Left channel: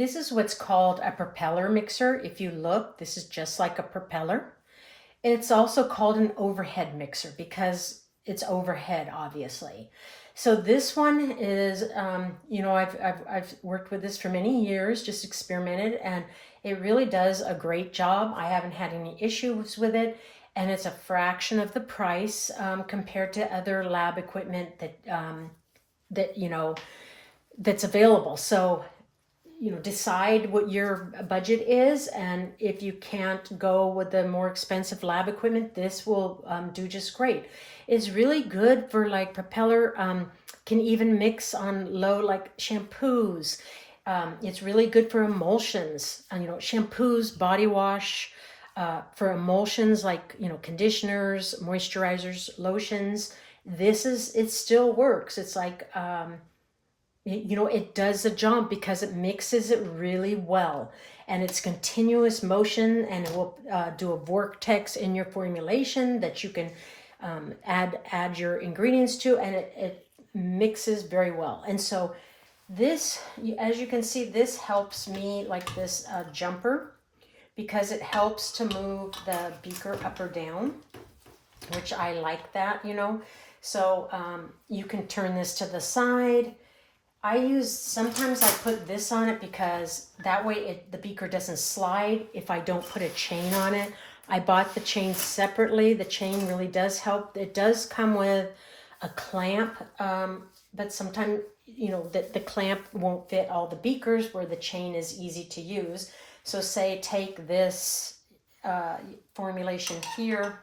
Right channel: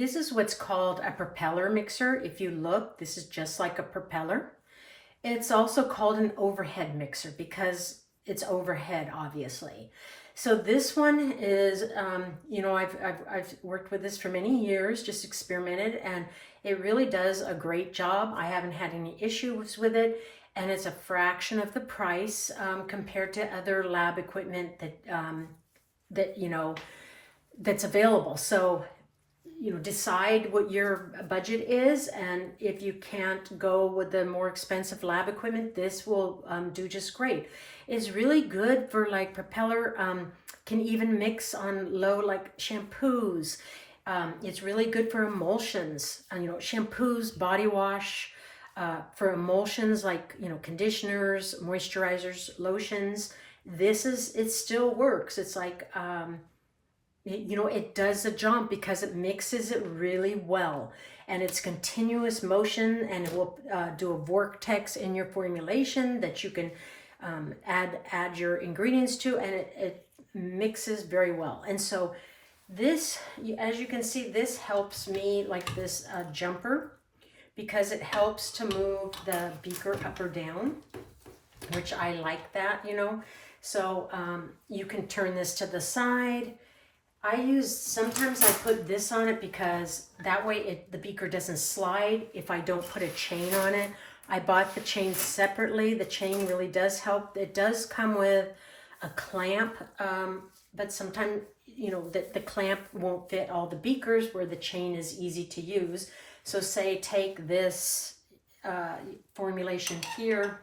This is what's called a propeller mixer. If you look, this is just like a propeller. It's also called an overhead mixer because it's overhead, obviously. So this one is, I've worked with this for many years, just experimented, and it really does a great job. I haven't had any issues with it, and it's a fraction of the price compared to other lab equipment that that's available. So decide what your budget is, and if you can't go with the more expensive lab equipment, this will do just great. It's really good for like propeller, can even mix on low like shampoos. It's really good for emulsions, shampoos, body wash, for emulsions like conditioners, moisturizers, lotions. It still works. It's like it does the job because it mixes it really well, and it's continuous motion, and it will do a vortex in your formulation that you can add your ingredients to, and it mixes very well. And so this, as you can see, this helps me like this jumper, because it helps to move the beaker up or down, which I like that. So you can turn this to the side. Sometimes I put this on it because that way the beaker doesn't slide if I don't put a chain on it. I bought the chain separately. The chain really does help. It does come with a clamp, but sometimes, the clamp won't fit all the beakers where the chain is easy to use. So say take this formulation here,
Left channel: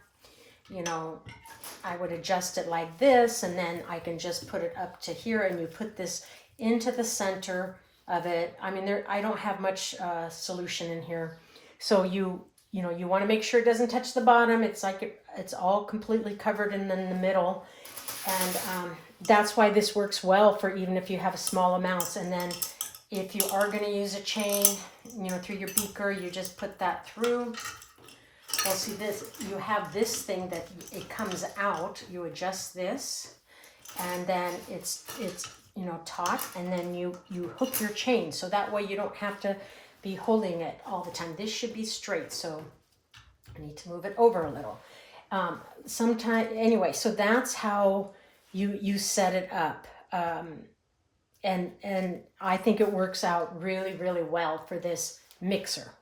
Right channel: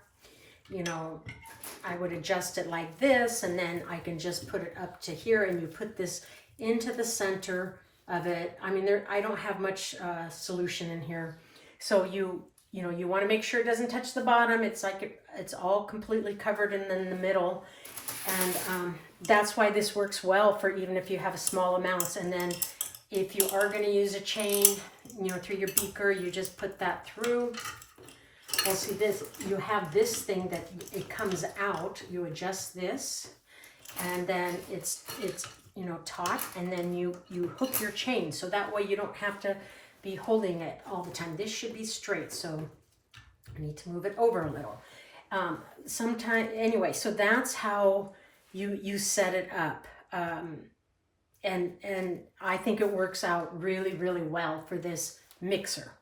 I would adjust it like this, and then I can just put it up to here, and you put this into the center of it. I mean, I don't have much solution in here. So you want to make sure it doesn't touch the bottom. It's like it's all completely covered in the middle. And that's why this works well for even if you have a small amounts. And then if you are going to use a chain, through your beaker, you just put that through. Well, see this, you have this thing that it comes out, you adjust this, and then it's taut, and then you hook your chain, so that way you don't have to be holding it all the time. This should be straight, so I need to move it over a little. Anyway, so that's how you set it up, and I think it works out really, really well for this mixer.